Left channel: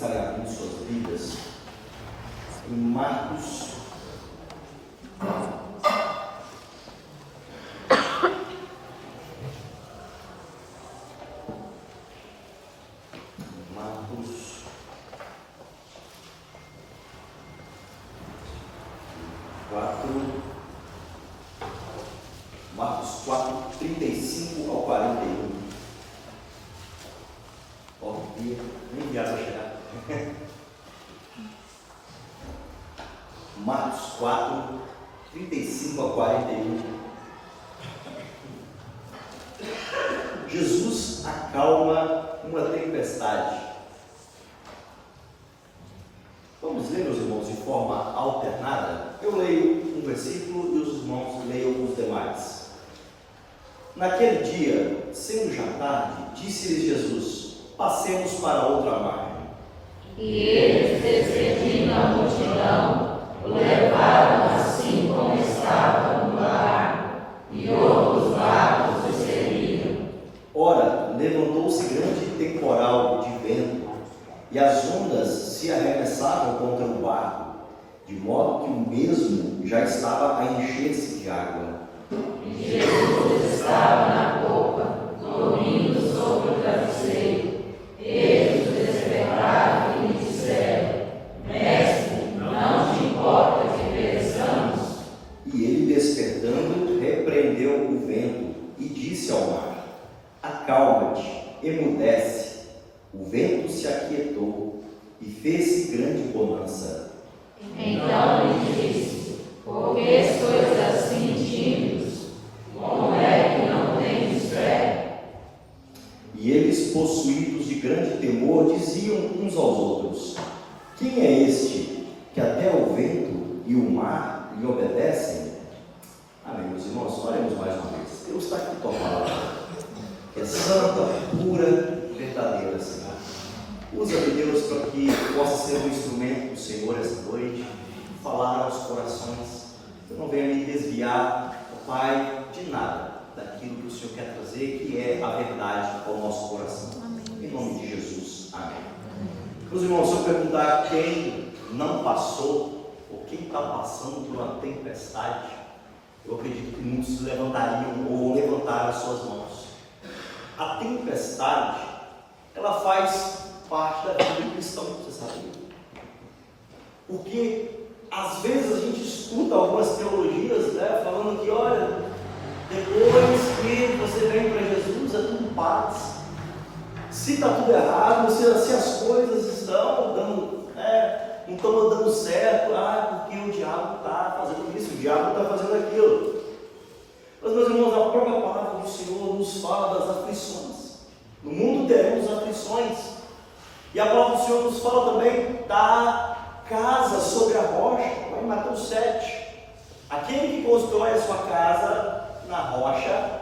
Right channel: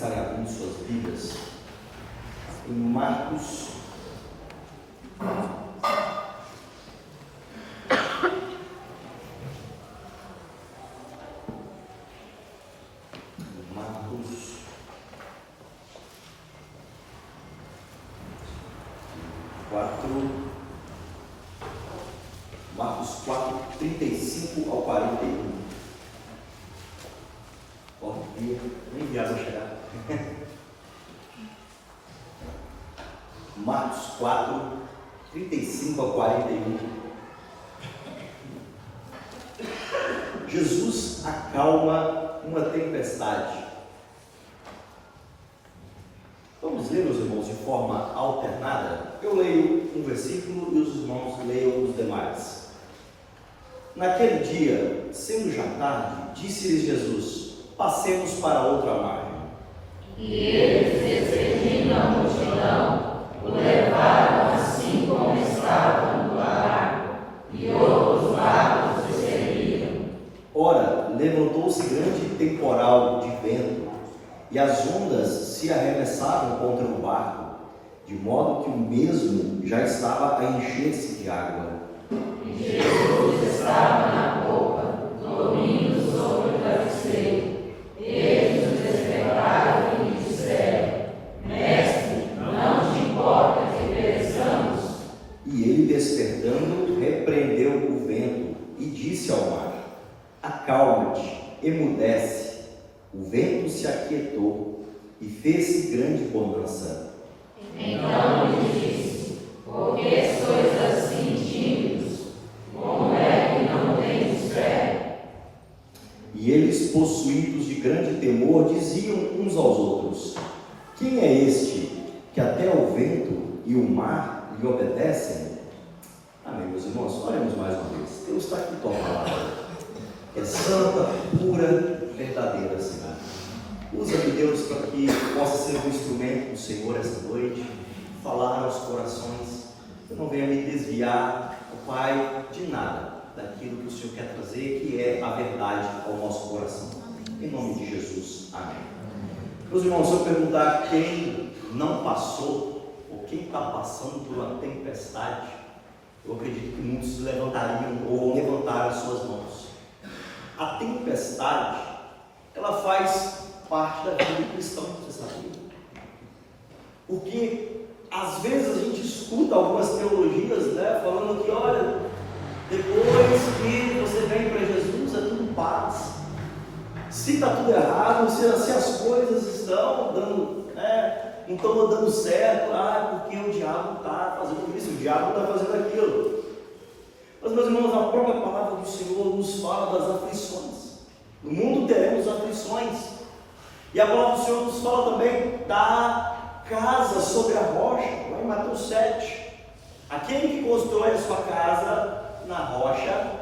estarem abrindo suas Bíblias em Marcos. Marcos 4, 35 ao 41. Nem viagem vai chegar. Marcos 4, 35 ao 41. Jesus acalma uma tempestade. Vamos ler, meus irmãos, de forma alternada. Eu leio um versículo e os irmãos leiam os demais. Naquele dia, sendo já tarde, disse-lhes Jesus: passemos para outra margem. E eles, despedindo a multidão, o levaram assim como estava no barco, e outros barcos o seguiam. Ora, levantou-se grande temporal de vento, e as ondas se arremessavam contra o barco, de modo que o mesmo já estava a encher-se de água. E Jesus estava na popa, dormindo sobre o travesseiro. Eles o despertaram e lhe disseram: Mestre, não te importa que pereçamos? E ele, despertando, repreendeu o vento e disse ao mar: acalma-te, emudece. O vento se aquietou e fez-se grande bonança. Então lhe disse: por que sois assim tímidos? Como é que não tendes fé? E eles, possuídos de grande temor, diziam uns aos outros: quem é este que até o vento e o mar lhe obedecem? Amém, meus irmãos. Oremos mais uma vez. Deus está aqui tua palavra, que é santa, pura, verdadeira, Senhor. Usa-me, Deus, para que possa ser um instrumento do Senhor esta noite, falar aos corações. Eu não venha me desviar, Pai, de nada daquilo que o Senhor quer trazer, que é a verdade ao nosso coração. Em nome de Jesus. Amém. Meus irmãos, se eu perguntar quem não passou, ou quem está passando por uma tempestade, eu acredito que muitos levantariam ou levantaram suas mãos. A tempestade, ela faz parte da vida do cristão, você sabia? Porque às vezes a gente escuta algumas teologias, né, falando que, olha, depois que você vem para Jesus, é tudo paz. Se está tudo errado, se as coisas estão dando, não estão dando certo, porque o diabo está fazendo isso, o diabo está fazendo aquilo. Mas, meus irmãos, a própria palavra do Senhor nos fala das aflições. No mundo teremos aflições. E a palavra do Senhor nos fala também da casa sobre a rocha, lá em Mateus 7. Aquele que constrói a sua casa na rocha,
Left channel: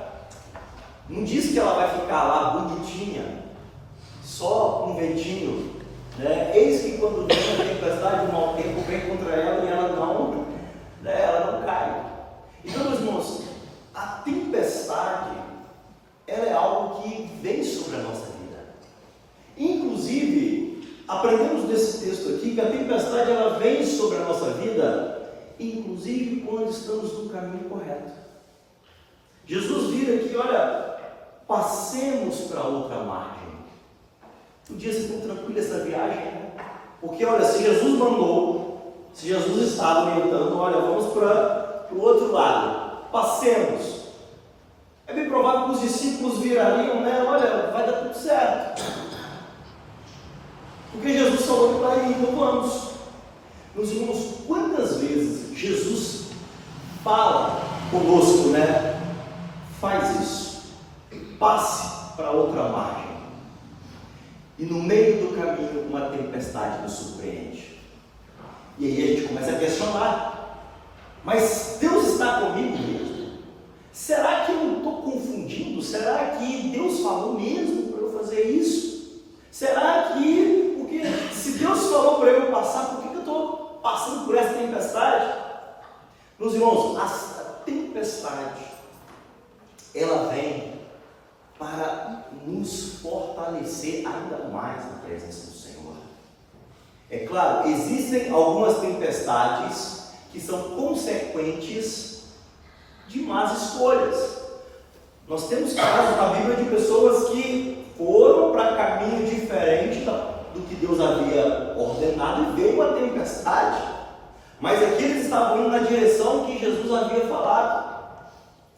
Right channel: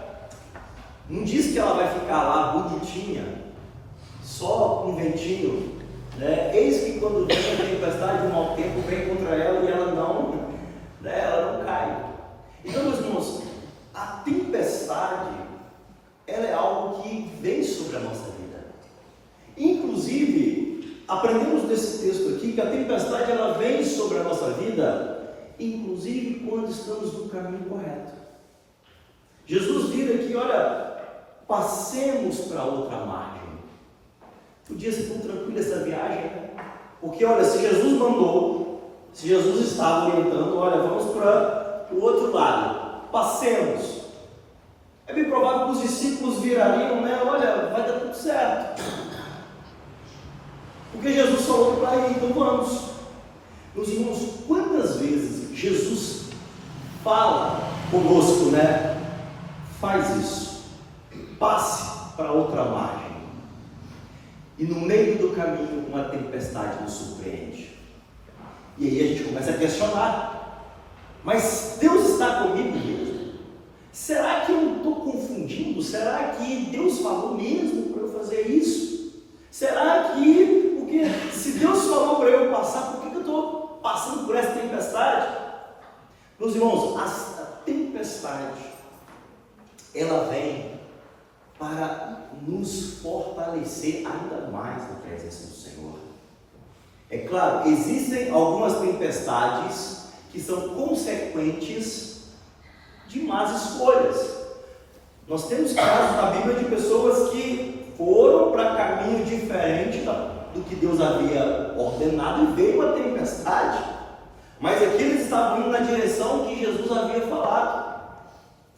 não diz que ela vai ficar lá bonitinha, só com um ventinho, né? Eis que quando vem a tempestade, o mau tempo vem contra ela e ela não cai. Então, meus irmãos, a tempestade, ela é algo que vem sobre a nossa vida. Inclusive, aprendemos nesse texto aqui que a tempestade, ela vem sobre a nossa vida, inclusive quando estamos no caminho correto. Jesus vira aqui, olha, passemos para outra margem. Podia ser tão tranquila essa viagem, né? Porque, olha, se Jesus mandou, se Jesus estava orientando, olha, vamos para o outro lado, passemos. É bem provável que os discípulos virariam, né? Olha, vai dar tudo certo. Porque Jesus falou para ir, então vamos. Meus irmãos, quantas vezes Jesus fala conosco, né? Faz isso, passe para outra margem. E no meio do caminho, uma tempestade nos surpreende. E aí a gente começa a questionar: mas Deus está comigo mesmo? Será que eu não estou confundindo? Será que Deus falou mesmo para eu fazer isso? Será que, porque se Deus falou para eu passar, por que eu estou passando por essa tempestade? Meus irmãos, a tempestade, ela vem para nos fortalecer ainda mais na presença do Senhor. É claro, existem algumas tempestades que são consequentes de más escolhas. Nós temos casos na Bíblia de pessoas que foram para caminho diferente do que Deus havia ordenado e veio a tempestade. Mas aqui eles estavam indo na direção que Jesus havia falado.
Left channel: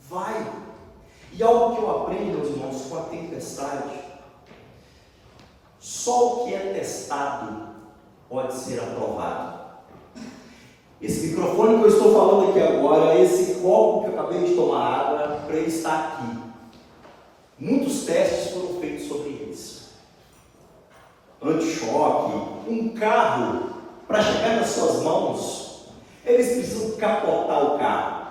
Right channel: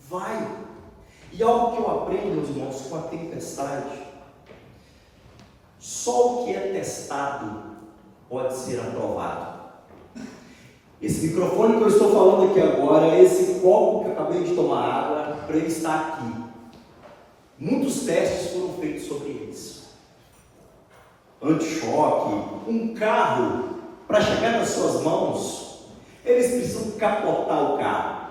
Vai. E algo que eu aprendo, meus irmãos, com a tempestade: só o que é testado pode ser aprovado. Esse microfone que eu estou falando aqui agora, esse copo que eu acabei de tomar água, para ele estar aqui, muitos testes foram feitos sobre eles. Anti-choque, um carro, para chegar nas suas mãos, eles precisam capotar o carro,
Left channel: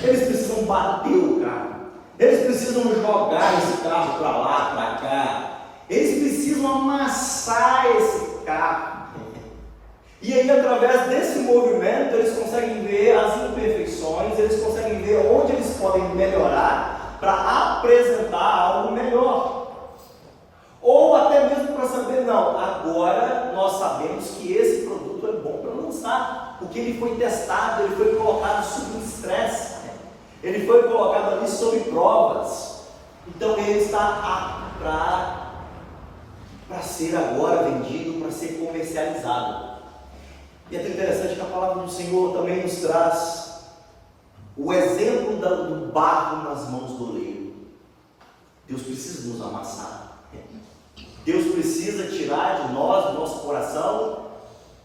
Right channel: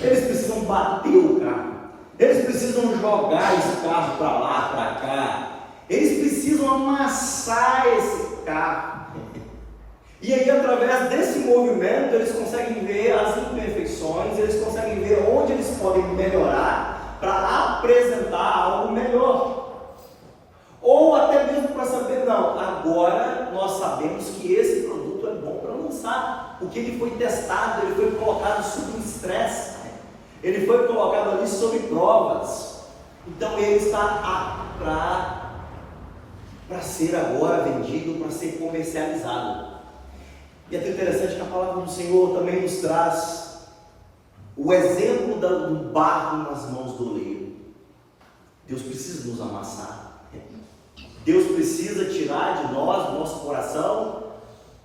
eles precisam bater o carro, eles precisam jogar esse carro para lá, para cá, eles precisam amassar esse carro. E aí, através desse movimento, eles conseguem ver as imperfeições, eles conseguem ver onde eles podem melhorar para apresentar algo melhor. Ou até mesmo para saber, não, agora nós sabemos que esse produto é bom para lançar, porque ele foi testado, ele foi colocado sob um estresse, ele foi colocado ali sob provas. Então ele está apto para ser agora vendido, para ser comercializado. E é interessante que a palavra do Senhor também nos traz o exemplo do barro nas mãos do oleiro. Deus precisa nos amassar. Deus precisa tirar de nós, do nosso coração,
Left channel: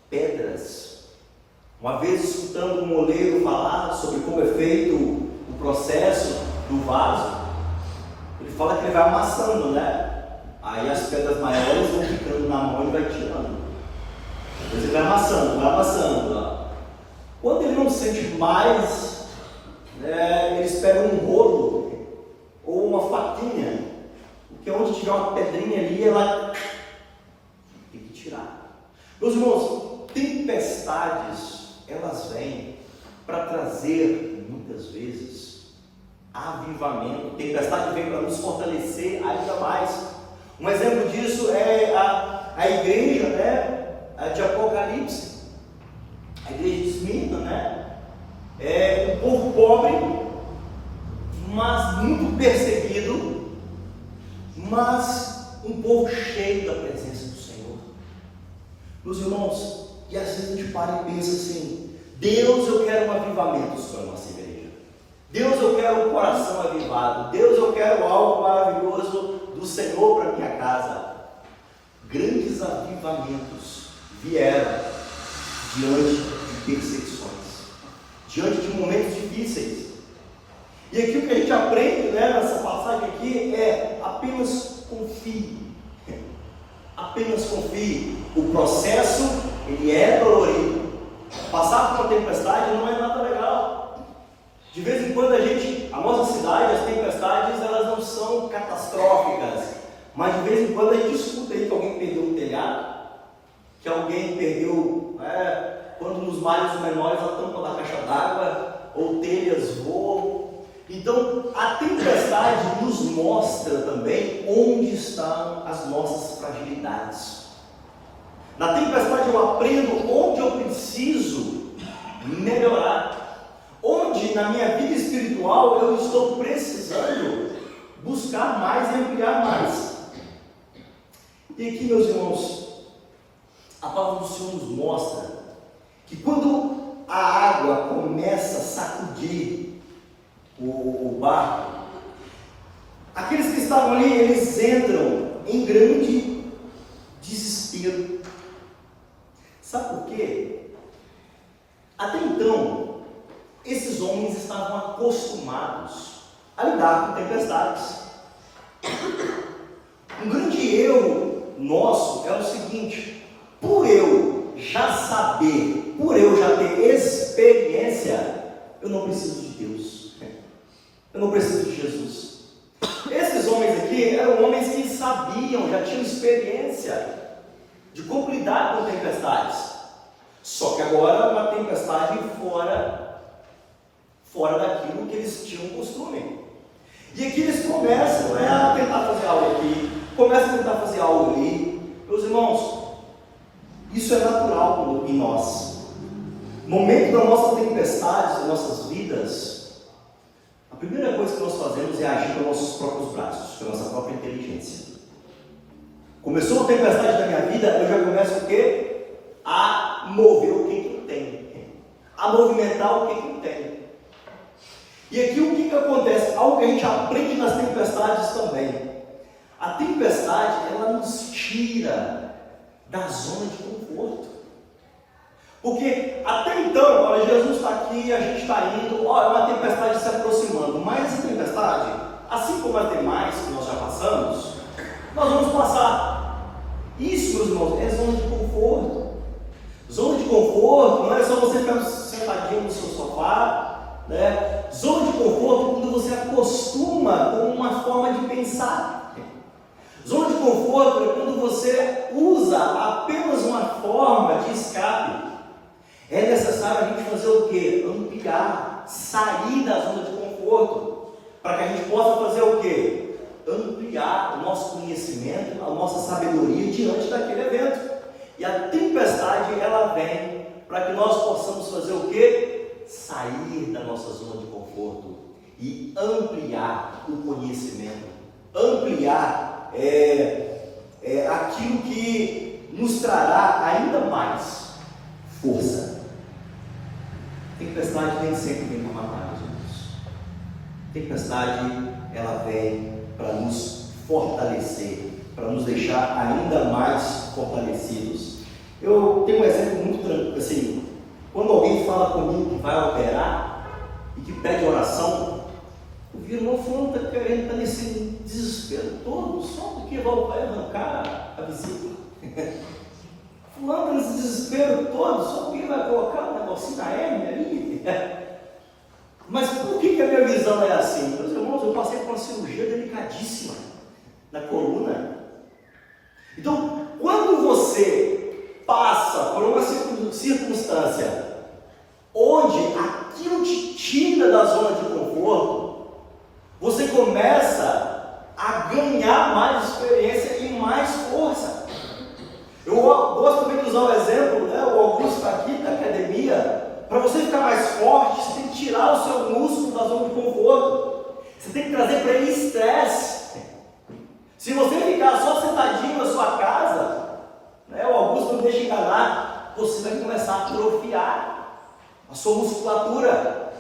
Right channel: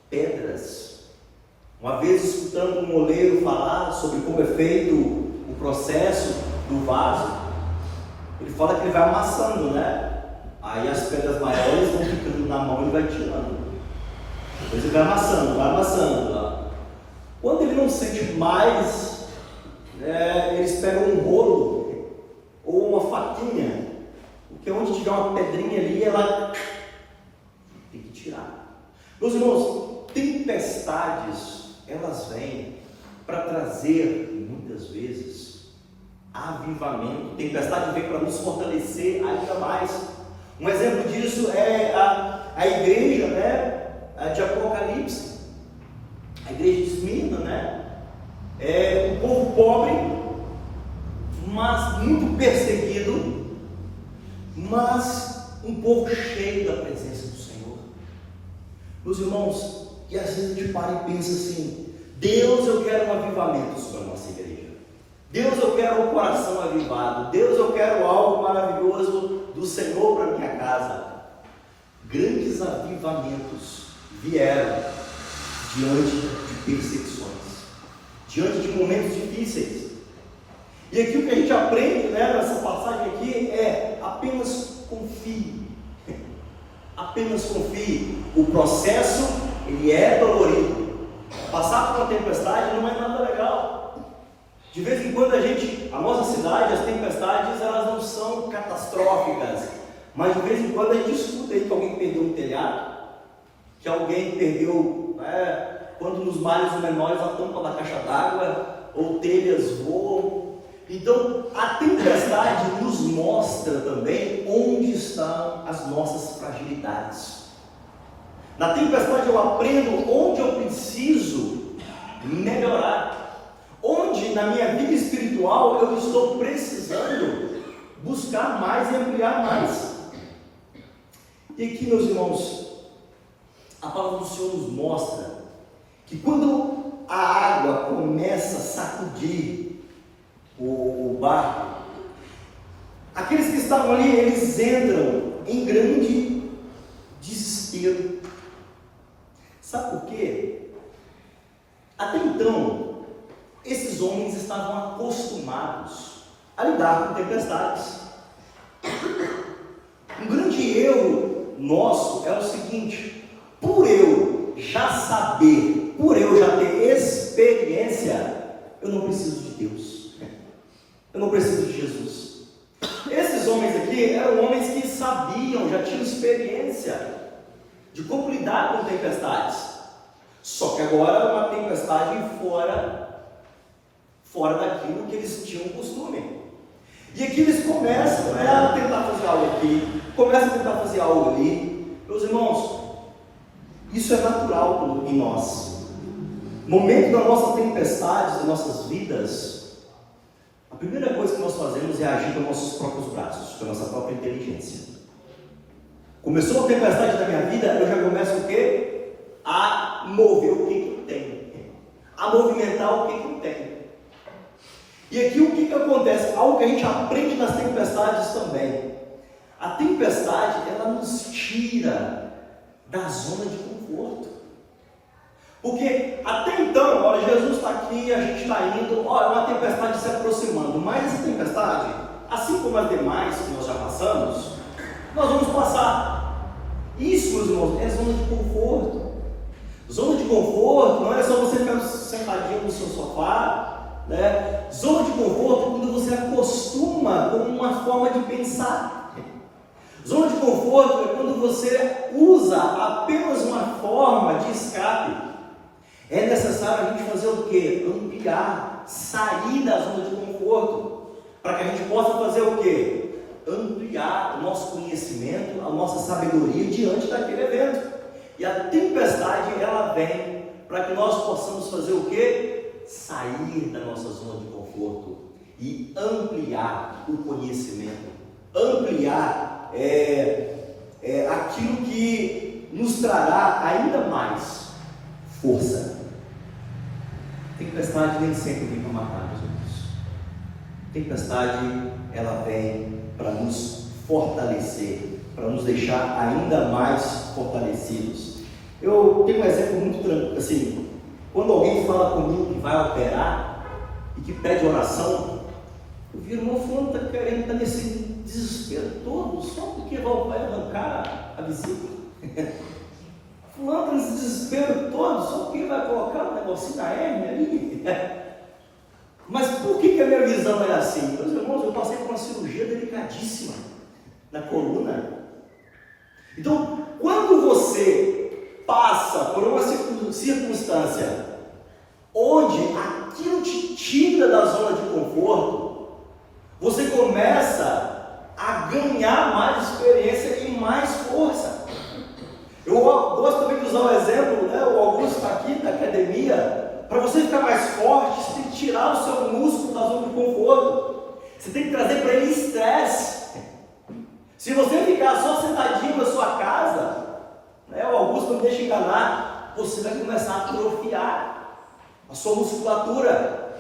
pedras. Uma vez escutando um oleiro falar sobre como é feito o processo do vaso, ele fala que ele vai amassando, né? Aí as pedras maiores vão ficando na mão e vai tirando. Depois ele vai amassando. Quando ele não sente mais, eles pegam um rolo ou uma faquinha, porque onde tiver uma pedrinha ali, ela tem que tirar. Meus irmãos, tempestades, elas vêm para trazer, muitas vezes, avivamento. Tempestade vem para nos fortalecer ainda mais. Um exemplo disso é a igreja, né? De Apocalipse, a igreja de Esmirna, é um povo pobre, mas muito perseguido, mas um povo cheio da presença do Senhor. Meus irmãos, e às vezes a gente para e pensa assim: Deus, eu quero um avivamento sobre a nossa igreja. Deus, eu quero um coração avivado. Deus, eu quero algo maravilhoso do Senhor para minha casa. Grandes avivamentos vieram diante de perseguições, diante de momentos difíceis. E aqui o que a gente aprende, nessa passagem aqui é: apenas confie. Apenas confie. O processo, ele é dolorido. Passar por uma tempestade não é nada legal. De vez em quando a nossa cidade, as tempestades, elas não são catastróficas, mas de vez em quando a gente escuta aí que alguém perdeu um telhado, que alguém perdeu, quando nos mares menores, a tampa da caixa d'água, ou telhas voam. Então, a tempestade nos mostra também onde estão as nossas fragilidades. Na tempestade eu aprendo onde eu preciso melhorar, onde na minha vida espiritual eu estou precisando buscar mais e ampliar mais. E aqui, meus irmãos, a palavra do Senhor nos mostra que quando a água começa a sacudir o barco, aqueles que estavam ali, eles entram em grande desespero. Sabe por quê? Até então, esses homens estavam acostumados a lidar com tempestades. Um grande erro nosso é o seguinte: por eu já saber, por eu já ter experiência, eu não preciso de Deus, eu não preciso de Jesus. Esses homens aqui eram homens que sabiam, já tinham experiência de como lidar com tempestades. Só que agora uma tempestade fora daquilo que eles tinham costume. E aqui eles começam a tentar fazer algo aqui, começam a tentar fazer algo ali. Meus irmãos, Isso é natural em nós. No momento da nossa tempestade, das nossas vidas, a primeira coisa que nós fazemos é agir com nossos próprios braços, com a nossa própria inteligência. Começou a tempestade da minha vida, eu já começo o quê? A mover o que eu tenho. A movimentar o que eu tenho. E aqui o que acontece? Algo que a gente aprende nas tempestades também. A tempestade, ela nos tira da zona de conforto. Porque até então, olha, Jesus está aqui, a gente está indo, olha, uma tempestade se aproximando. Mas essa tempestade, assim como as demais que nós já passamos, nós vamos passar. Isso, meus irmãos, é zona de conforto. Zona de conforto não é só você ficar sentadinho no seu sofá, né? Zona de conforto é quando você acostuma com uma forma de pensar. Zona de conforto é quando você usa apenas uma forma de escape. É necessário a gente fazer o quê? Ampliar, sair da zona de conforto, para que a gente possa fazer o quê? Ampliar o nosso conhecimento, a nossa sabedoria diante daquele evento. E a tempestade, ela vem para que nós possamos fazer o quê? Sair da nossa zona de conforto e ampliar o conhecimento, ampliar aquilo que nos trará ainda mais força. Tempestade nem sempre vem para matar, meus irmãos. Tempestade, ela vem para nos fortalecer, para nos deixar ainda mais fortalecidos. Eu tenho um exemplo muito tranquilo, assim, quando alguém fala comigo que vai operar e que pede oração, eu vi, irmão, fulano está querendo, está nesse desespero todo, só porque vai arrancar a vesícula. Fulano está nesse desespero todo, só porque vai colocar um negocinho na hérnia ali. Mas por que a minha visão é assim? Meus irmãos, eu passei por uma cirurgia delicadíssima na coluna. Então, quando você passa por uma circunstância onde aquilo te tira da zona de conforto, você começa a ganhar mais experiência e mais força. Eu gosto também de usar um exemplo, né? O Augusto está aqui da academia. Para você ficar mais forte, você tem que tirar o seu músculo da zona de conforto. Você tem que trazer para ele estresse. Se você ficar só sentadinho na sua casa, né, o Augusto não deixa enganar, você vai começar a atrofiar a sua musculatura.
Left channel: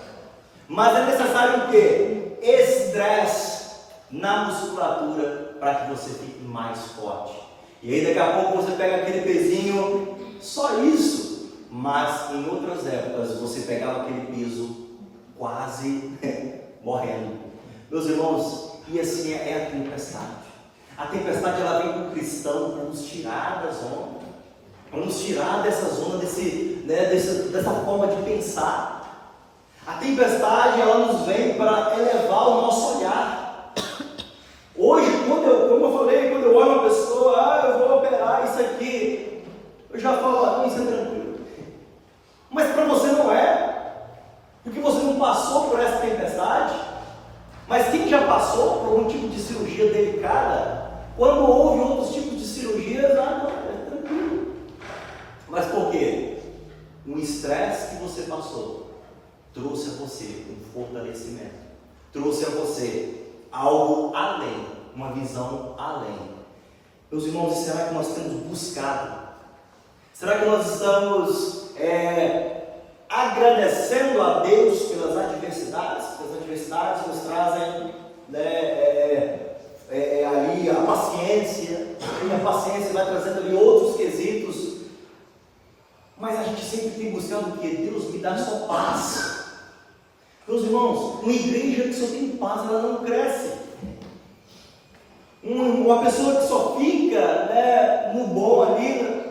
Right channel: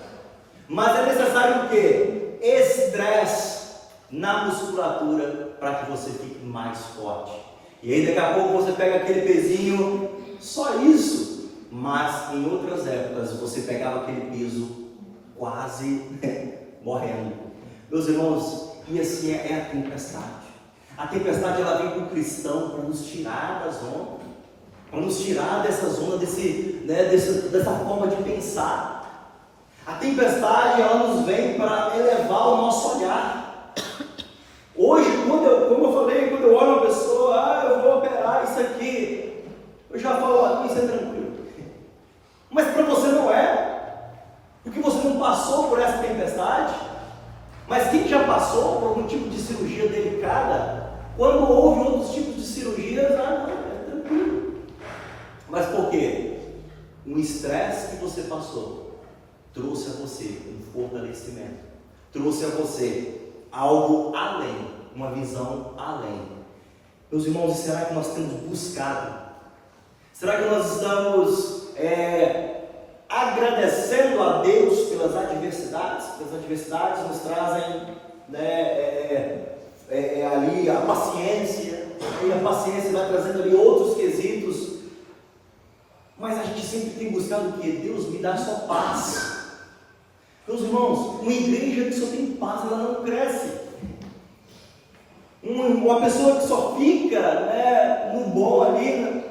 Mas é necessário o quê? Estresse na musculatura para que você fique mais forte. E aí daqui a pouco você pega aquele pezinho, só isso. Mas em outras épocas você pegava aquele peso quase morrendo. Meus irmãos, e assim é a tempestade. A tempestade, ela vem para o cristão para nos tirar da zona, para nos tirar dessa zona, dessa forma de pensar. A tempestade, ela nos vem para elevar o nosso olhar. Hoje, como eu falei, quando eu olho uma pessoa, eu vou operar isso aqui, eu já falo, isso é tranquilo. Mas para você não é, porque você não passou por essa tempestade. Mas quem já passou por algum tipo de cirurgia delicada, quando houve outros tipos de cirurgias, não, é tranquilo. Mas por quê? Um estresse que você passou trouxe a você um fortalecimento, trouxe a você algo além, uma visão além. Meus irmãos, e será que nós temos buscado? Será que nós estamos agradecendo a Deus pelas adversidades? Porque as adversidades nos trazem ali a paciência, e a paciência vai trazendo ali outros quesitos. Mas a gente sempre tem buscado o que? Deus me dá só paz. Meus irmãos, uma igreja que só tem paz, ela não cresce. Uma pessoa que só fica no bom ali,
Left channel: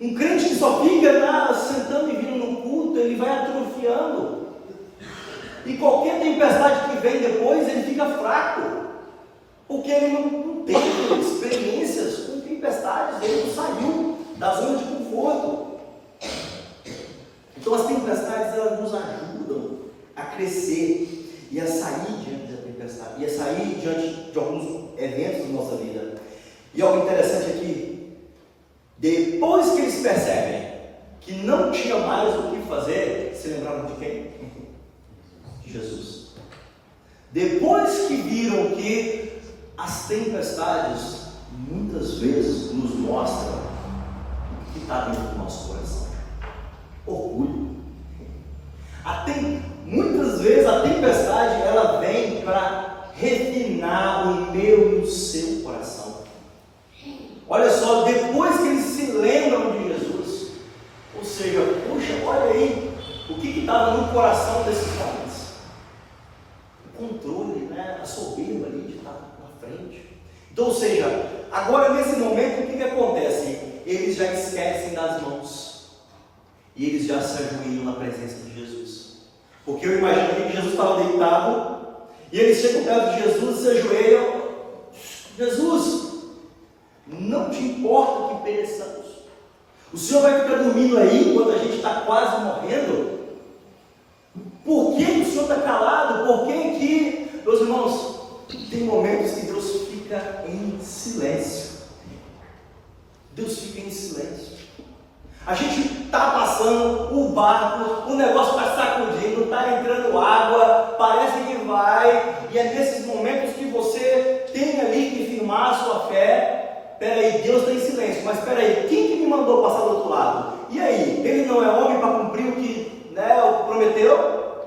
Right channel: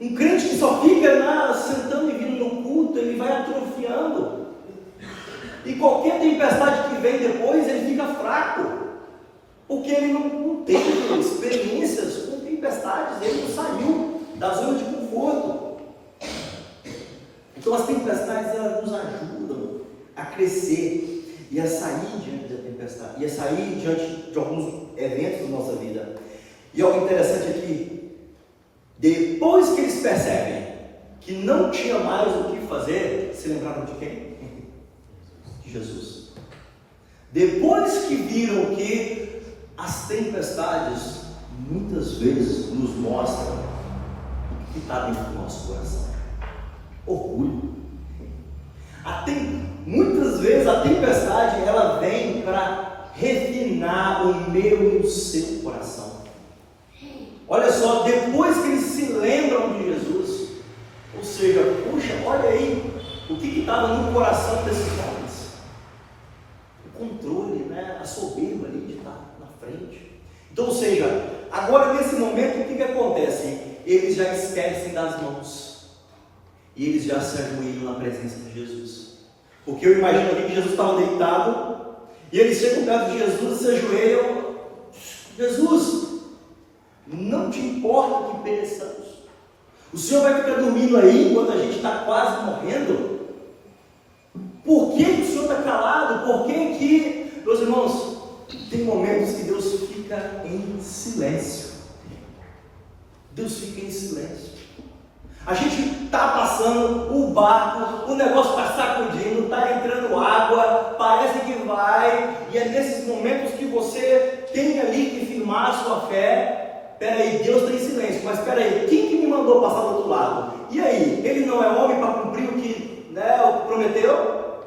um crente que só fica sentando e vindo no culto, ele vai atrofiando. E qualquer tempestade que vem depois, ele fica fraco. Porque ele não teve experiências com tempestades, ele não saiu da zona de conforto. Então as tempestades, elas nos ajudam a crescer e a sair diante da tempestade, e a sair diante de alguns eventos da nossa vida. E algo interessante aqui, depois que eles eles percebem que não tinha mais o que fazer, se lembraram de quem? De Jesus. Depois que viram que as tempestades muitas vezes nos mostram o que está dentro do nosso coração: orgulho. Muitas vezes a tempestade ela vem para refinar o meu e o seu coração. Olha só, depois que eles se lembram de Jesus, ou seja, puxa, olha aí o que estava no coração desses homens. O controle, né? A soberba ali de estar na frente. Então, ou seja, agora nesse momento o que acontece? Eles já esquecem das mãos e eles já se ajoelham na presença de Jesus. Porque eu imagino ali que Jesus estava deitado e eles chegam perto de Jesus e se ajoelham. Jesus, não te importa que pereçamos? O Senhor vai ficar dormindo aí enquanto a gente está quase morrendo? Por que o Senhor está calado? Por que, meus irmãos, tem momentos que Deus fica em silêncio. Deus fica em silêncio. A gente está passando o barco, o negócio está sacudindo, está entrando água, parece que vai, e é nesses momentos que você tem ali que firmar a sua fé. Peraí, Deus está em silêncio, mas peraí, quem que me mandou passar do outro lado? E aí, ele não é homem para cumprir o que, o que prometeu?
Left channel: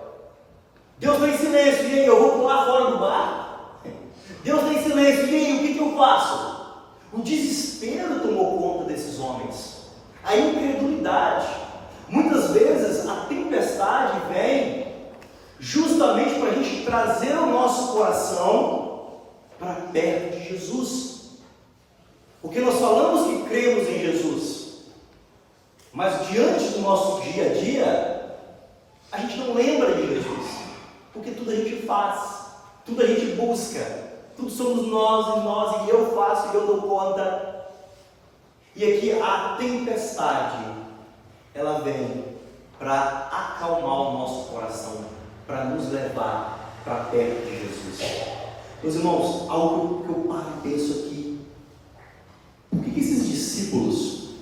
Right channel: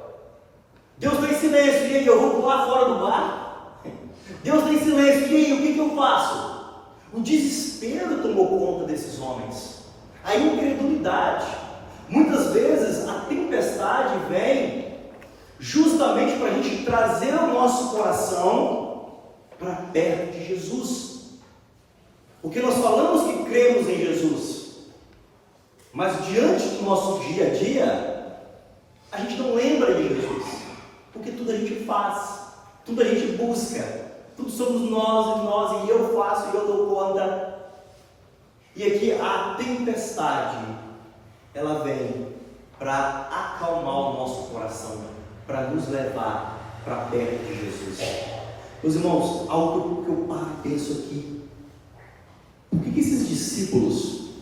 Deus está em silêncio, e aí, eu vou pular fora do barco? Deus está em silêncio, e aí, o que eu faço? O desespero tomou conta desses homens. A incredulidade. Muitas vezes a tempestade vem justamente para a gente trazer o nosso coração para perto de Jesus. Porque nós falamos que cremos em Jesus, mas diante do nosso dia a dia, a gente não lembra de Jesus. Porque tudo a gente faz, tudo a gente busca, tudo somos nós, e eu faço e eu dou conta. E aqui a tempestade, ela vem para acalmar o nosso coração, para nos levar para perto de Jesus. Meus irmãos, algo que eu paro e penso aqui: por que esses discípulos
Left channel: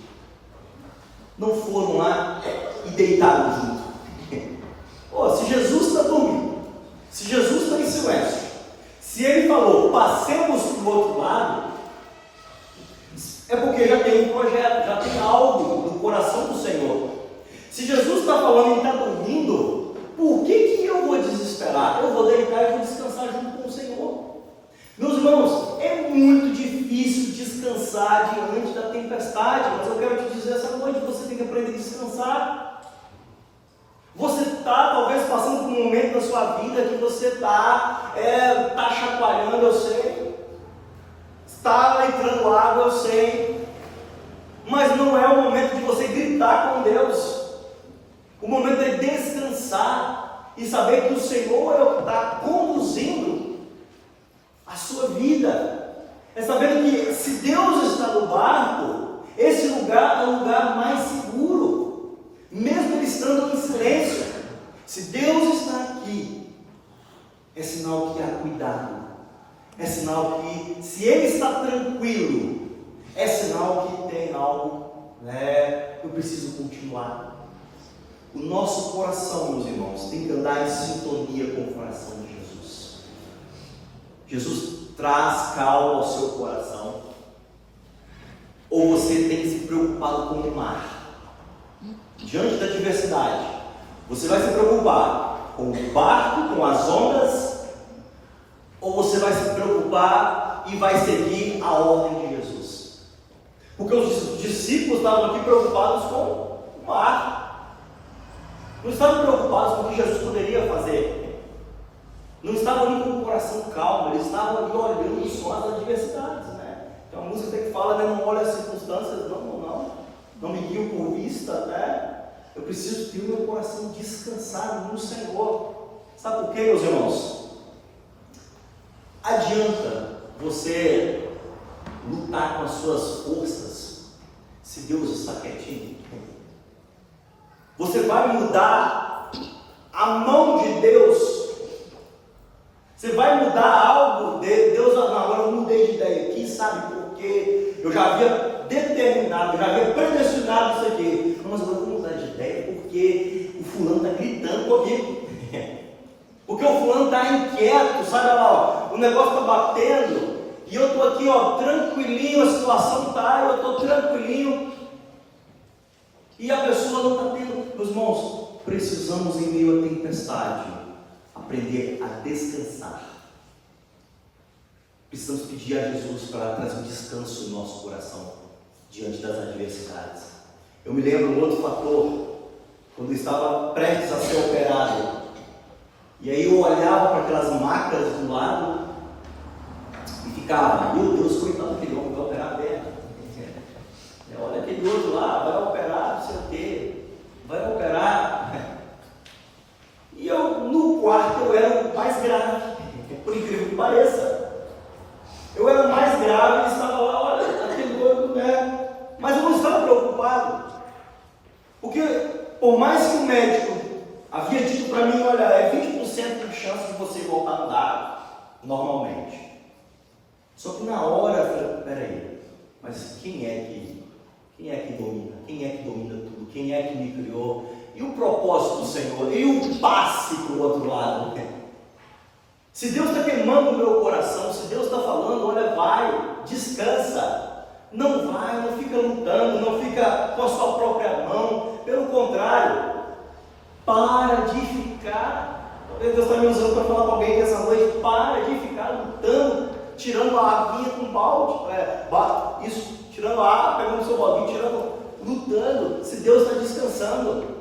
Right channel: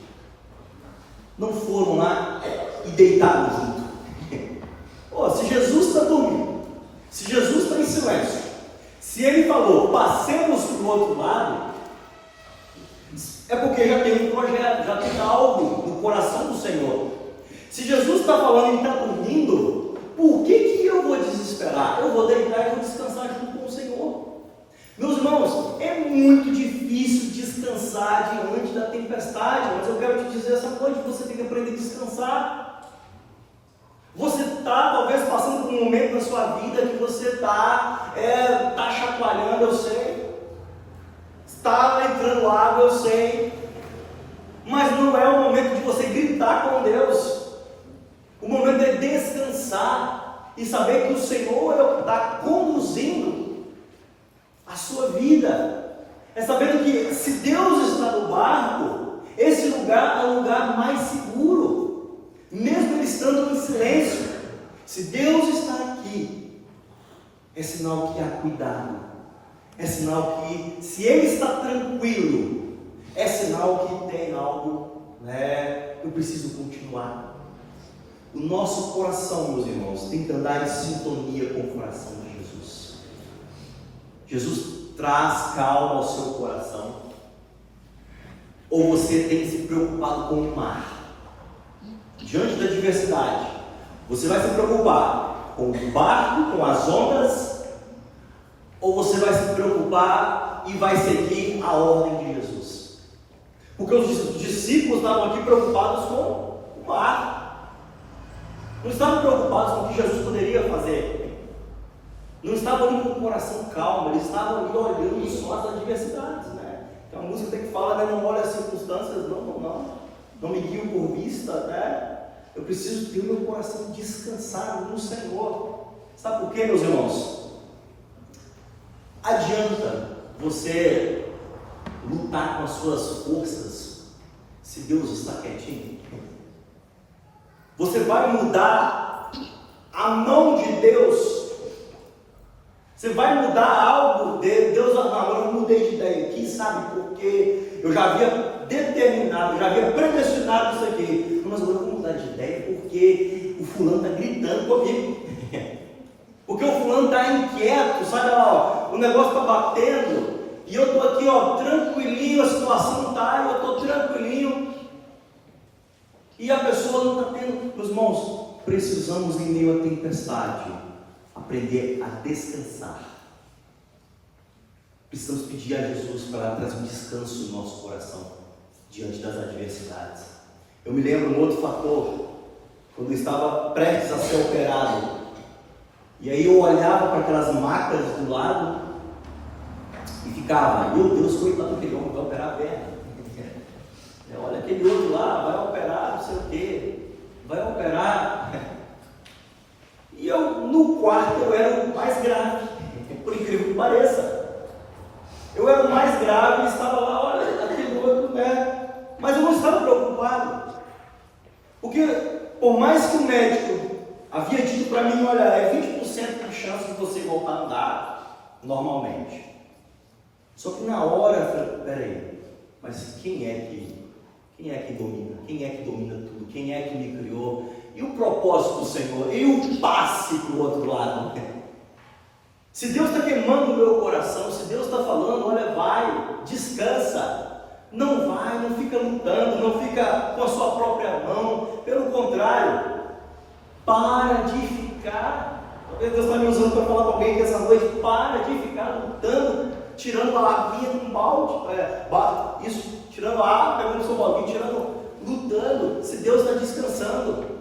não foram lá e deitaram junto? Se Jesus está dormindo, se Jesus está em silêncio, se ele falou, passemos para o outro lado, é porque já tem um projeto, já tem algo no coração do Senhor. Se Jesus está falando e está dormindo, por que eu vou desesperar? Eu vou deitar e vou descansar junto com o Senhor. Meus irmãos, é muito difícil descansar diante da tempestade, mas eu quero te dizer essa noite, você tem que aprender a descansar. Você está talvez passando por um momento da sua vida que você está chacoalhando, eu sei. Está entrando água, eu sei. Mas não é o momento de você gritar com Deus. O momento é descansar e saber que o Senhor é o que está conduzindo a sua vida. É saber que se Deus está no barco, esse lugar é o lugar mais seguro, mesmo ele estando em silêncio. Se Deus está aqui, é sinal que há cuidado. É sinal que, se Ele está tranquilo, é sinal que tem algo, eu preciso continuar. O nosso coração, meus irmãos, tem que andar em sintonia com o coração de Jesus. Jesus traz calma ao seu coração. Ou você tem se preocupado com o mar? Diante da adversidade, você vai se preocupar com o barco, com as ondas, ou você vai se preocupar e vai seguir a ordem de Jesus? Porque os discípulos estavam aqui preocupados com o mar, não estavam preocupados com o que Jesus poderia fazer, não estavam ali com o coração calmo, eles estavam ali olhando só as adversidades, Tem uma música que fala, não olha as circunstâncias, não me guio por vista, Eu preciso ter o meu coração descansado no Senhor. Sabe por quê, meus irmãos? Adianta você lutar com as suas forças se Deus está quietinho? Você vai mudar a mão de Deus? Você vai mudar algo de Deus? Não, agora eu mudei de ideia aqui, sabe? Porque eu já havia determinado, já havia predestinado isso aqui. Não, mas agora vamos mudar de ideia porque o fulano está gritando comigo. Porque o fulano está inquieto, sabe lá, ó, o negócio está batendo, e eu estou aqui, ó, tranquilinho, a situação está, eu estou tranquilinho, e a pessoa não está tendo. Meus irmãos, precisamos em meio à tempestade aprender a descansar. Precisamos pedir a Jesus para trazer um descanso em nosso coração diante das adversidades. Eu me lembro um outro fator, quando eu estava prestes a ser operado, e aí eu olhava para aquelas máquinas do lado e ficava, meu Deus, coitado daquele homem, vai operar a perna. Olha aquele outro lá, vai operar não sei o quê, vai operar. E eu, no quarto, eu era o mais grave, por incrível que pareça. Eu era o mais grave e estava lá, olha, aquele outro, né? Mas eu não estava preocupado, porque por mais que o médico havia dito para mim, olha, é 20% de chance de você voltar a andar normalmente. Só que na hora eu falei, peraí, mas quem é que domina? Quem é que domina tudo? Quem é que me criou? E o propósito do Senhor? E o passe para o outro lado? Se Deus está queimando o meu coração, se Deus está falando, olha, vai, descansa. Não vai, não fica lutando, não fica com a sua própria mão. Pelo contrário, para de ficar, talvez Deus está me usando para falar para alguém que essa noite, para de ficar lutando, tirando a aguinha com balde, tirando a água, pegando o seu baldinho, lutando. Se Deus está descansando,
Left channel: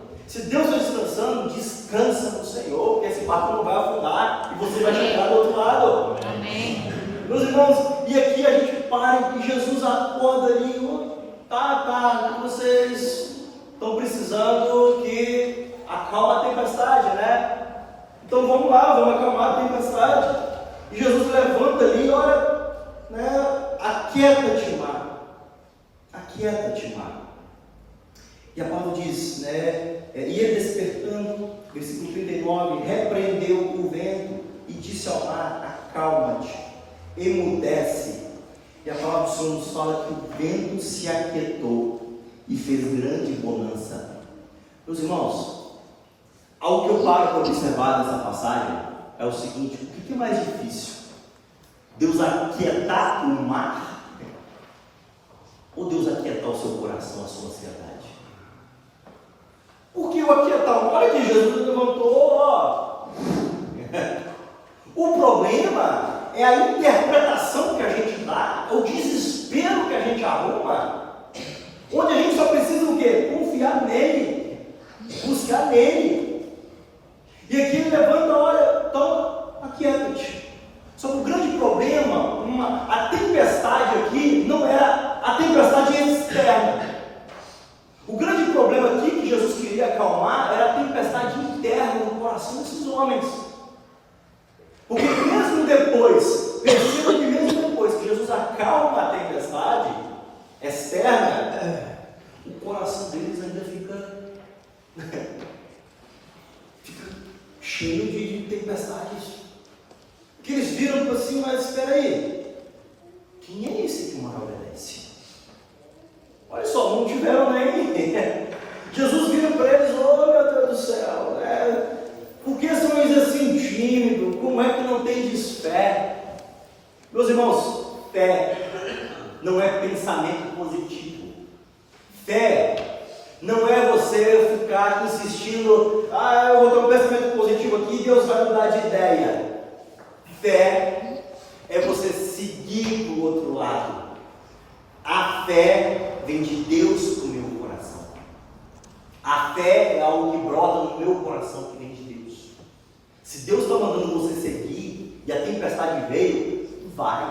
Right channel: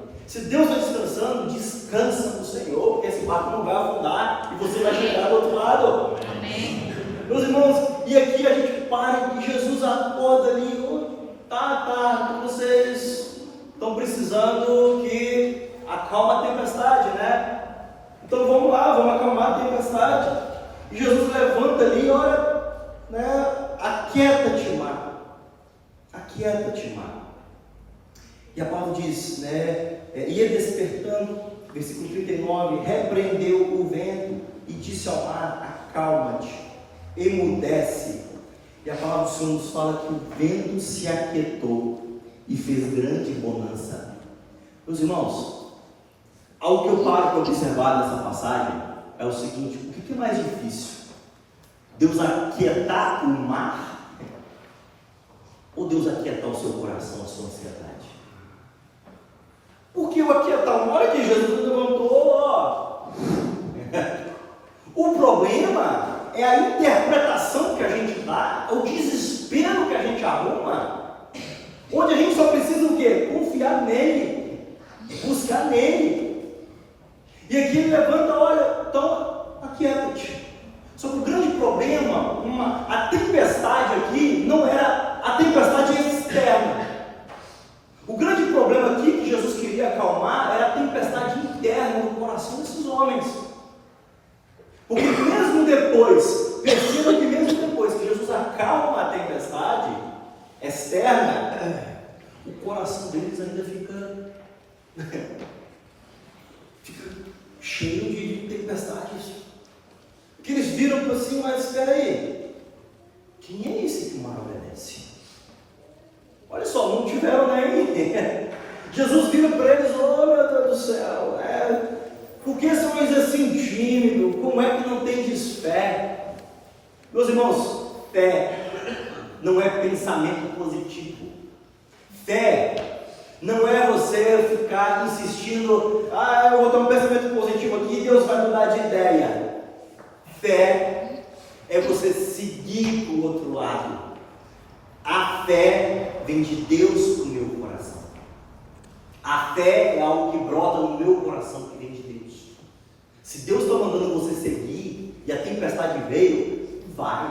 descansa no Senhor, porque esse barco não vai afundar e você vai chegar do outro lado. Amém. Meus irmãos, e aqui a gente para e Jesus acorda ali, vocês estão precisando que acalma a tempestade, né? Então vamos lá, vamos acalmar a tempestade. E Jesus levanta ali, olha, né? Aquieta-te, mar. Aquieta-te, mar. E a palavra diz, né? Ia despertando, versículo 39, repreendeu o vento e disse ao mar, acalma-te, emudece. E a palavra do Senhor nos fala que o vento se aquietou e fez grande bonança. Meus irmãos, algo que eu paro para observar nessa passagem é o seguinte: o que é mais difícil? Deus aquietar o mar? Ou Deus aquietar o seu coração, a sua ansiedade? Porque o aquietar o mar é que Jesus levantou, ó. O problema é a interpretação que a gente dá, é o desespero que a gente arruma, onde a gente só precisa o quê? Confiar nele, buscar nele. E aqui ele levanta, olha, então aquieta-te. Só que o grande problema, a tempestade aqui não era a tempestade externa. O grande problema aqui que Jesus queria acalmar era a tempestade interna no coração desses homens. Porque mesmo depois, percebam que mesmo depois que Jesus acalma a tempestade externa, o coração deles ainda fica cheio de tempestades. Porque eles viram para assim, mas espera aí, quem é esse que o mar obedece? Olha só, não tiveram nem. Jesus vira para eles, oh meu Deus do céu, né? Por que são eles assim tímidos? Como é que não tendes fé? Meus irmãos, fé não é pensamento positivo. Fé não é você ficar insistindo, eu vou ter um pensamento positivo aqui e Deus vai mudar de ideia. Fé é você seguir para o outro lado. A fé vem de Deus para o meu coração. A fé é algo que brota no meu coração, que vem de Deus. Se Deus está mandando você seguir e a tempestade veio, vai.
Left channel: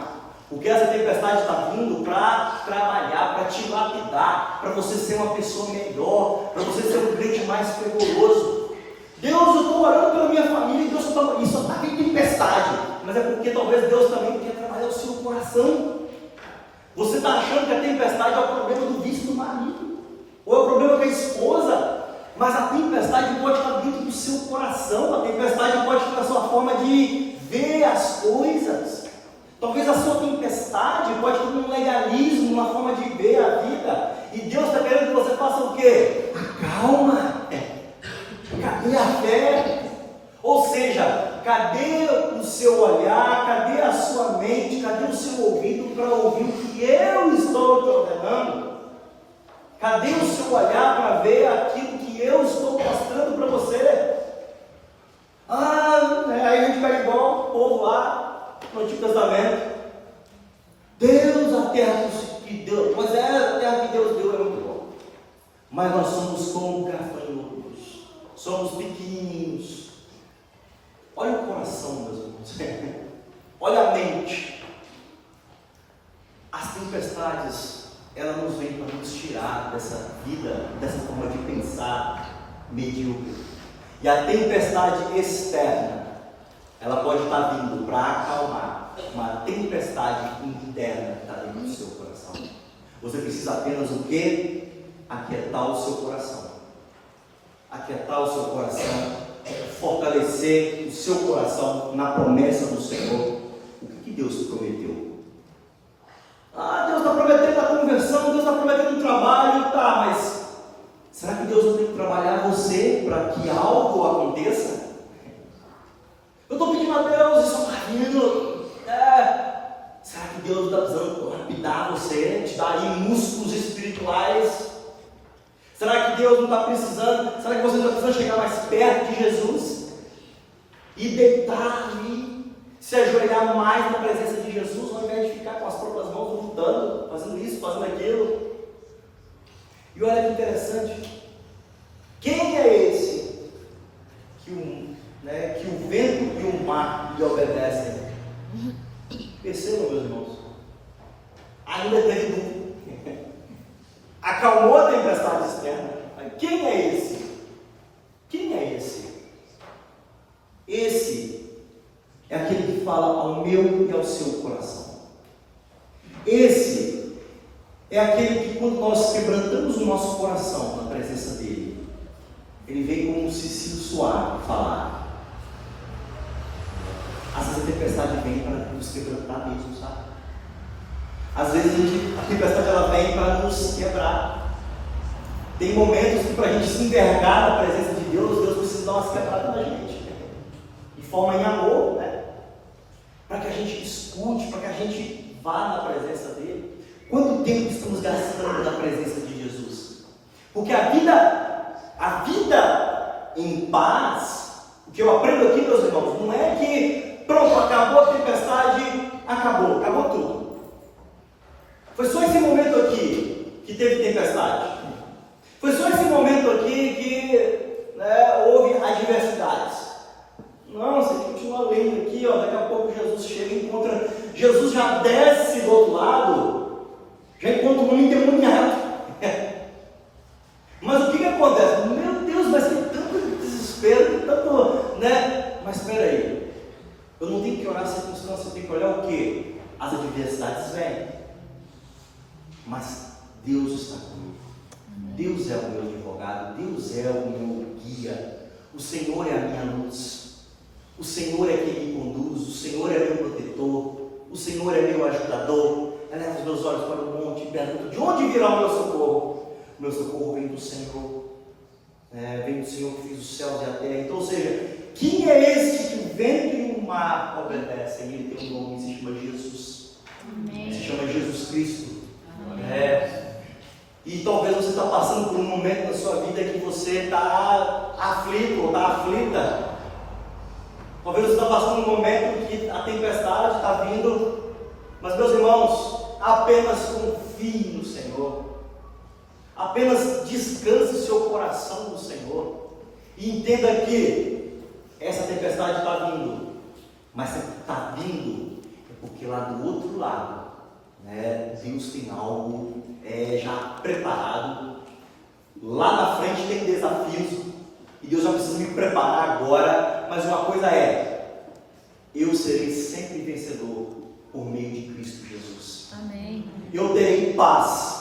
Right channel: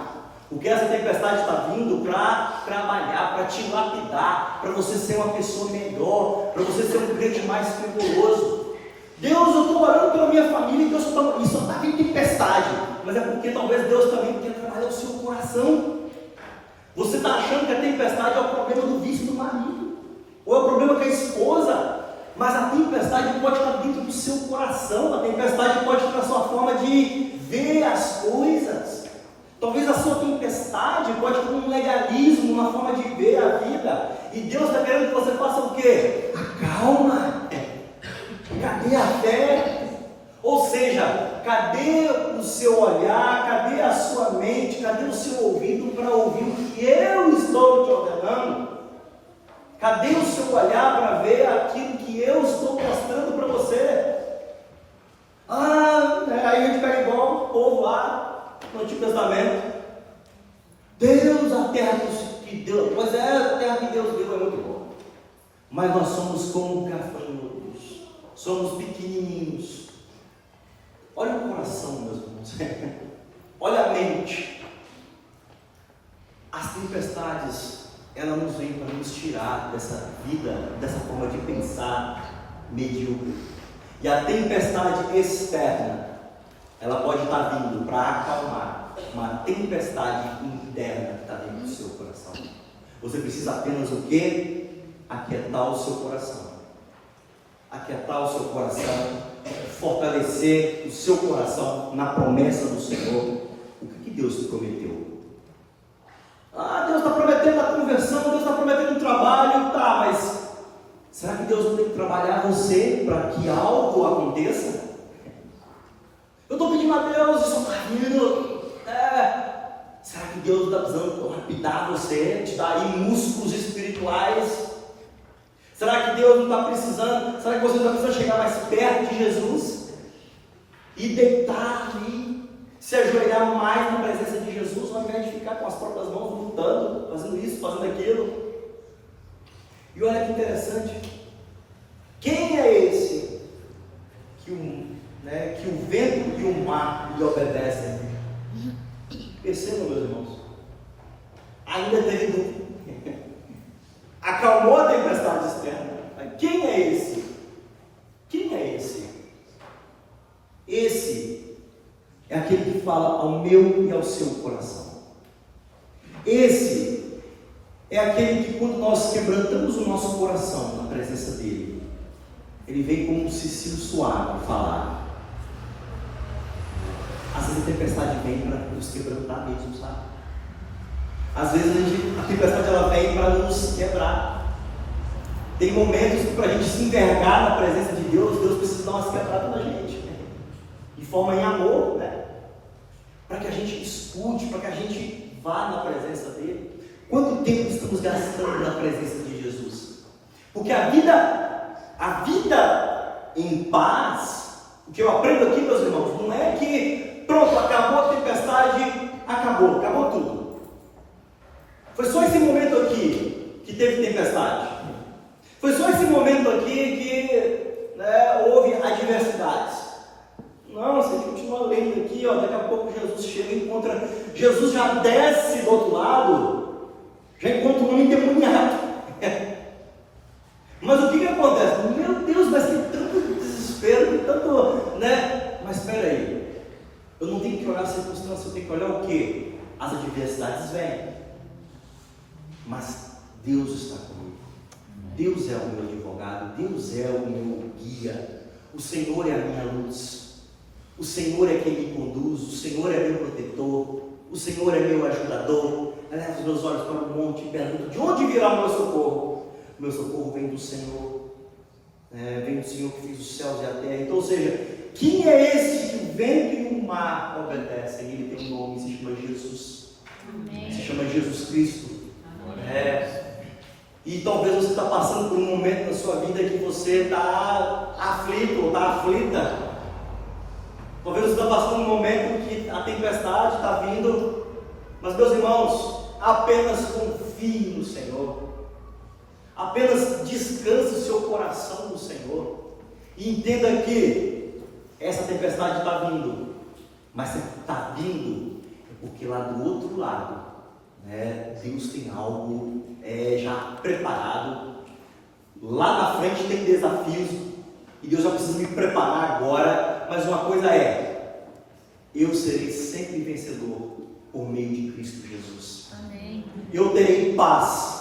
Porque essa tempestade está vindo para trabalhar, para te lapidar, para você ser uma pessoa melhor, para você ser um crente mais fervoroso. Deus, eu estou orando pela minha família e Deus só está vendo tempestade. Mas é porque talvez Deus também quer trabalhar o seu coração. Você está achando que a tempestade é o problema do vício do marido, ou é o problema com a esposa, mas a tempestade pode estar dentro do seu coração, a tempestade pode estar na sua forma de ver as coisas. Talvez a sua tempestade pode ter um legalismo, uma forma de ver a vida. E Deus está querendo que você faça o quê? Acalma. Cadê a fé? Ou seja, cadê o seu olhar? Cadê a sua mente? Cadê o seu ouvido para ouvir o que eu estou te ordenando? Cadê o seu olhar para ver aquilo que eu estou mostrando para você? Aí a gente pega igual o povo lá no Antigo Testamento. Deus, a terra que Deus, pois é, a terra que Deus deu é muito boa. Mas nós somos como gafanhotos, somos pequenininhos. Olha o coração, meus irmãos. Olha a mente. As tempestades, elas nos vêm para nos tirar dessa vida, dessa forma de pensar medíocre. E a tempestade externa, ela pode estar vindo para acalmar uma tempestade interna que está dentro do seu coração. Você precisa apenas o quê? Aquietar o seu coração. Aquietar o seu coração, fortalecer o seu coração na promessa do Senhor. O que Deus prometeu? Deus está prometendo a conversão, Deus está prometendo um trabalho, mas será que Deus vai ter que trabalhar você para que algo aconteça? Eu estou pedindo a Deus, isso está vindo. Será que Deus está precisando lapidar você, te dar aí músculos espirituais? Será que Deus não está precisando? Será que você não está precisando chegar mais perto de Jesus? E deitar ali, se ajoelhar mais na presença de Jesus, ao invés de ficar com as próprias mãos lutando, fazendo isso, fazendo aquilo? E olha que interessante, quem é esse que o vento e o mar lhe obedecem? Percebam, meus irmãos, ainda teve dúvida, acalmou a tempestade externa. Quem é esse? Quem é esse? Esse é aquele que fala ao meu e ao seu coração. Esse é aquele que, quando nós quebrantamos o nosso coração na presença dele, ele vem como um cicio suave falar. Às vezes a tempestade vem para nos quebrantar mesmo, sabe? Às vezes a tempestade ela vem para nos quebrar. Tem momentos que, para a gente se envergar na presença de Deus, Deus precisa dar umas quebradas na gente, de forma em amor, para que a gente escute, para que a gente vá na presença dele. Quanto tempo estamos gastando na presença de Jesus? Porque a vida em paz, o que eu aprendo aqui, meus irmãos, não é que pronto, acabou a tempestade, acabou tudo. Foi só esse momento aqui que teve tempestade. Foi só esse momento aqui que houve adversidades. Não, se a gente continua lendo aqui, daqui a pouco Jesus chega e encontra. Jesus já desce do outro lado, já encontra um homem endemoniado. Mas o que acontece? Meu Deus, mas que tanto desespero, que tanto. Mas espera aí, eu não tenho que olhar a circunstância, eu tenho que olhar o quê? As adversidades vêm, mas Deus está comigo. Deus é o meu advogado, Deus é o meu guia, o Senhor é a minha luz, o Senhor é quem me conduz, o Senhor é meu protetor, o Senhor é meu ajudador. Eleva os meus olhos para o monte e pergunto: de onde virá o meu socorro? O meu socorro vem do Senhor, vem do Senhor que fez os céus e a terra. Então, ou seja, quem é esse que o vento e o mar obedecem? Ele tem um nome, se chama Jesus. Amém. Se chama Jesus Cristo. E talvez você está passando por um momento na sua vida que você está aflito ou está aflita. Talvez você está passando um momento que a tempestade está vindo. Mas, meus irmãos, apenas confie no Senhor. Apenas descanse seu coração no Senhor. E entenda que essa tempestade está vindo. Mas se está vindo, é porque lá do outro lado, Deus tem algo já preparado. Lá na frente tem desafios. E Deus já precisa me preparar agora. Mas uma coisa eu serei sempre vencedor por meio de Cristo Jesus. Amém. Eu terei paz.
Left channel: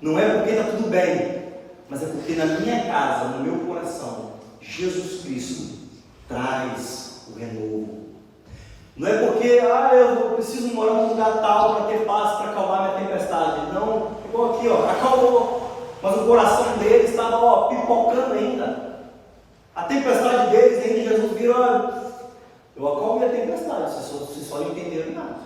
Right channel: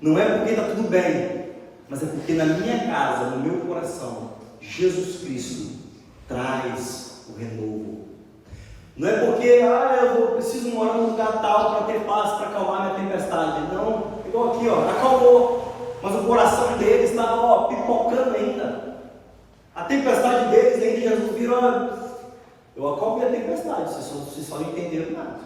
Não é porque está tudo bem, mas é porque na minha casa, no meu coração, Jesus Cristo traz o renovo. Não é porque eu preciso morar num lugar tal para ter paz, para acalmar minha tempestade. Não, igual aqui, acalmou. Mas o coração deles estava pipocando ainda. A tempestade deles ainda, Jesus virou, eu acalmei a tempestade, vocês só não entenderam nada.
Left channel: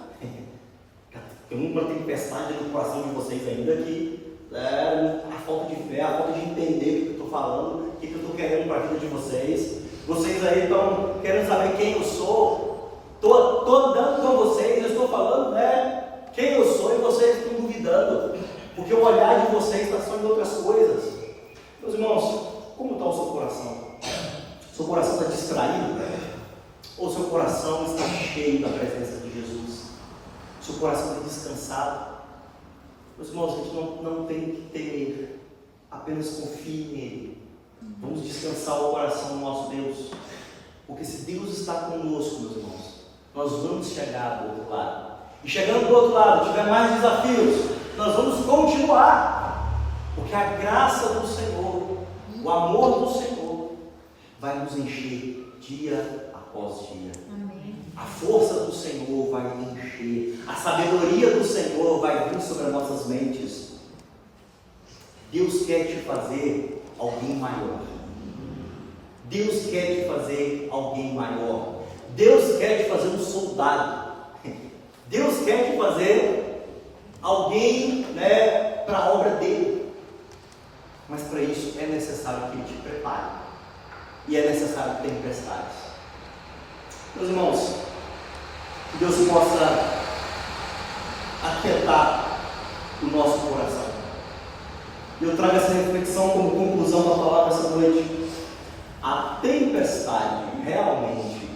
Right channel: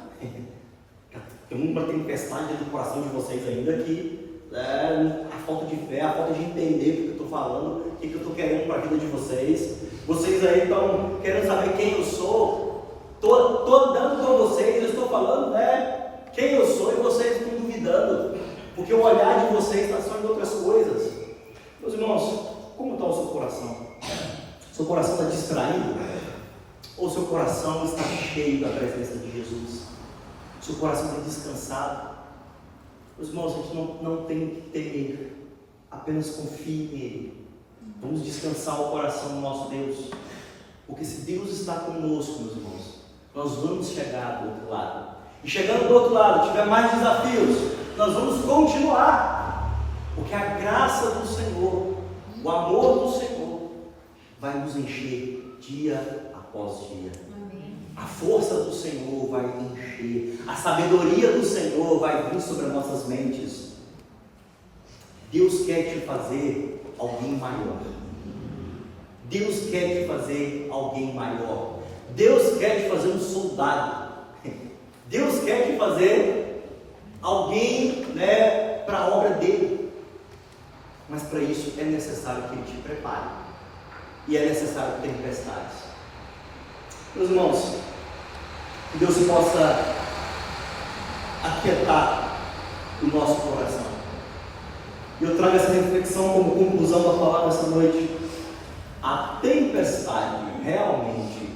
Tem uma tempestade dentro do coração de vocês ainda que a falta de fé, a falta de entender o que eu estou falando, o que eu estou querendo para a vida de vocês. Vocês aí estão querendo saber quem eu sou. Estou dando para vocês, eu estou falando quem eu sou e vocês estão duvidando, porque o olhar de vocês está só em outras coisas. Meus irmãos, como está o seu coração? Seu coração está distraído? Ou seu coração está cheio da presença de Jesus? Seu coração está descansado? Meus irmãos, a gente não tem que temer, apenas confie nele. Vamos descansar o coração do nosso Deus, porque se Deus está conosco, meus irmãos, nós vamos chegar do outro lado. E chegando do outro lado, tiver mais desafios, nós vamos continuar, porque a graça do Senhor, o amor do Senhor vai nos encher dia após dia. A força do Senhor vai encher, a sabedoria do Senhor vai vir sobre as nossas mentes. Deus quer te fazer alguém maior. Deus quer te fazer alguém maior. Deus quer te fazer um soldado. Deus quer te fazer alguém para a obra dele. Mas para isso é necessário que ele te prepare. E é necessário tempestades. Meus irmãos, que Deus possa aquietar o nosso coração. Eu trago essa reflexão como conclusão da palavra essa noite. A tempestade realmente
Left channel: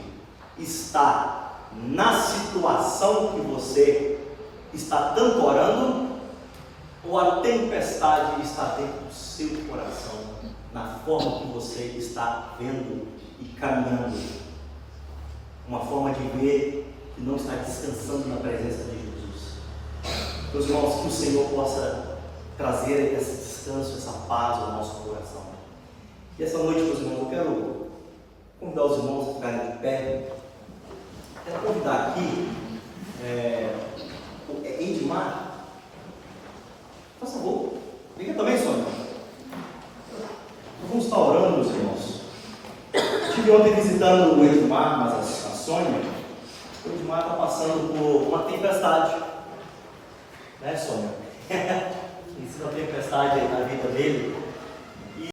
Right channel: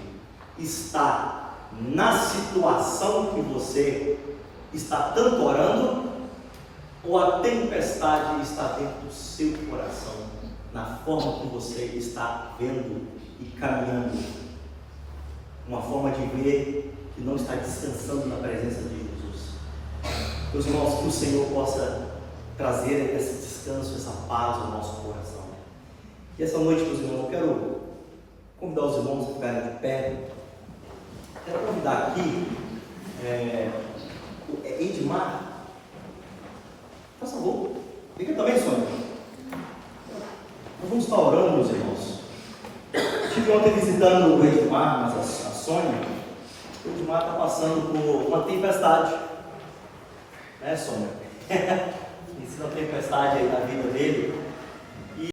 está na situação que você está tanto orando, ou a tempestade está dentro do seu coração, na forma que você está vendo e caminhando, uma forma de ver que não está descansando na presença de Jesus. Meus irmãos, que o Senhor possa trazer esse descanso, essa paz ao nosso coração. E essa noite, meus irmãos, eu quero convidar os irmãos a ficarem de pé. Quero convidar aqui o Edmar. Por favor, fica também, Sônia. Nós vamos estar orando, meus irmãos. Estive ontem visitando o Edmar, mas a Sônia. O Edmar está passando por uma tempestade, né, Sônia? Existe uma tempestade aí na vida dele.